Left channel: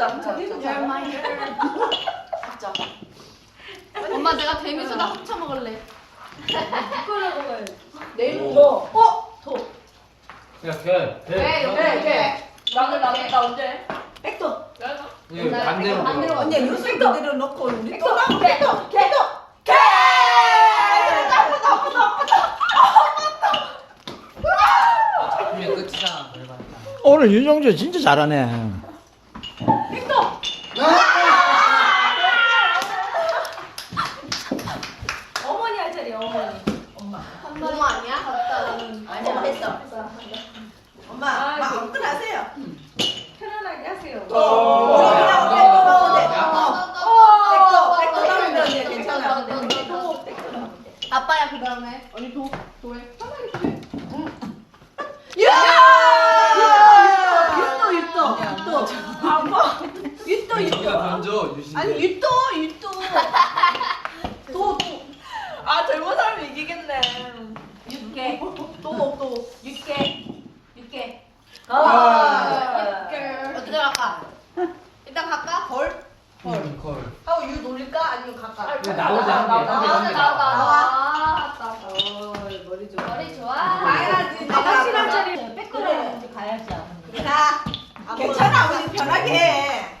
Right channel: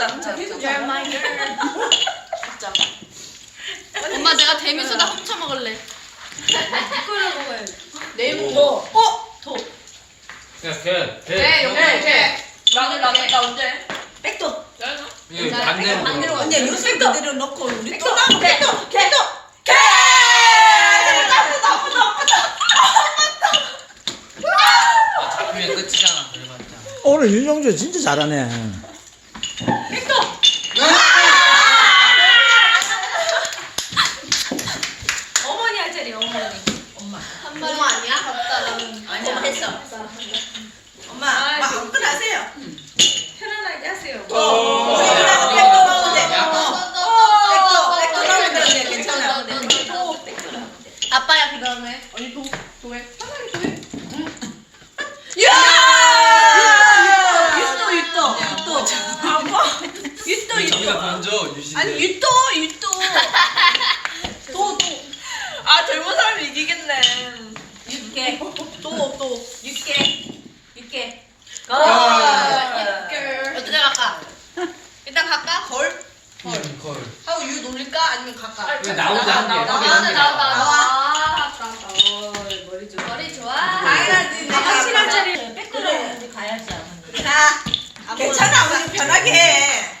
You're my girl. 합쳐. 엄마 내가 데미소다 훔쳐 먹을래. 이거를 먹어야지. 네모. 어? 도. 그냥 개. 개. 네, 네. 네. 나는 나는 나 언제? 백도. 이게 반대로. 반대로 들어가. 언니 요새 그대로 놓고 우리 또 개도 개. 잡히면 끝이잖아. 그래봤자. 오늘 윤종주 진짜 잘하네. 어머니 할 자리 어머니. 엄마. 한 마리 아니야? 없다. 아니야 했어. 엄마, 막 아무거나 하세요. 편안하게 하세요. 어. 우리랑 백도 넣으면 돼. 백도, 백도 넣으면 돼. 괜찮아. 도. 아빠야 그 다음에 언니 도 도해. 유또 유또 유또 유또 우리가 유또 먼저 유신데. 아니 유또 유또 도아 젊은 사람이 이기겠네. 육개 또또 육개 육개 아. 어떻게 갈까? 일단 갈까? 걸? 음, 걸. 하고 유 놀릴까? 아니면 갈까? 왜 나오자 한 개. 나와 한 나와 개 나와 나와. 나와. 머리 좋아 머리 좋아. 당연하지 내가 확실한 자리 백도로 우리 가야지 어머니 자 괜찮아 우리 편하게 해